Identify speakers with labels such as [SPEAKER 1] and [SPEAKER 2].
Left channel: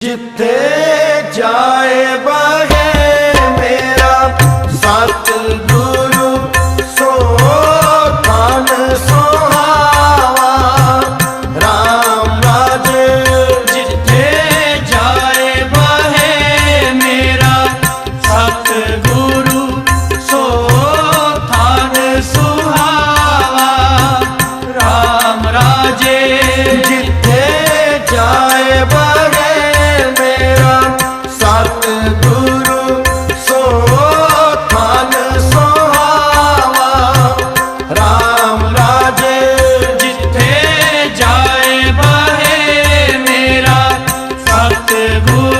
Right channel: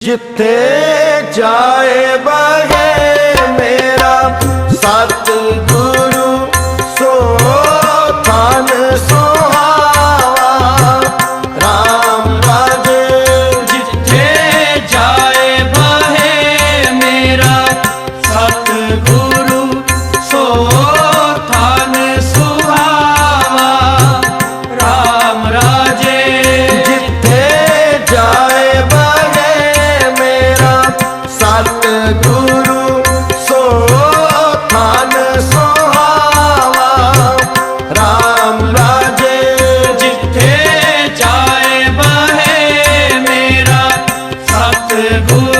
[SPEAKER 1] ਜਿੱਥੇ ਜਾਏ ਬਗੇ ਮੇਰਾ ਸਤ ਗੁਰੂ ਸੋ ਤਨ ਸੁਹਾਵਾ। RAM ਰਾਜੇ,
[SPEAKER 2] ਜਿੱਥੇ ਜਾਏ ਬਹੇ ਮੇਰਾ ਸਤ ਗੁਰੂ
[SPEAKER 1] ਸਤ ਗੁਰੂ ਸੋ ਤਨ ਸੁਹਾਵਾ। RAM ਰਾਜੇ
[SPEAKER 2] ਜਿੱਥੇ ਜਾਏ ਬਹੇ ਮੇਰਾ ਸਤ ਗੁਰੂ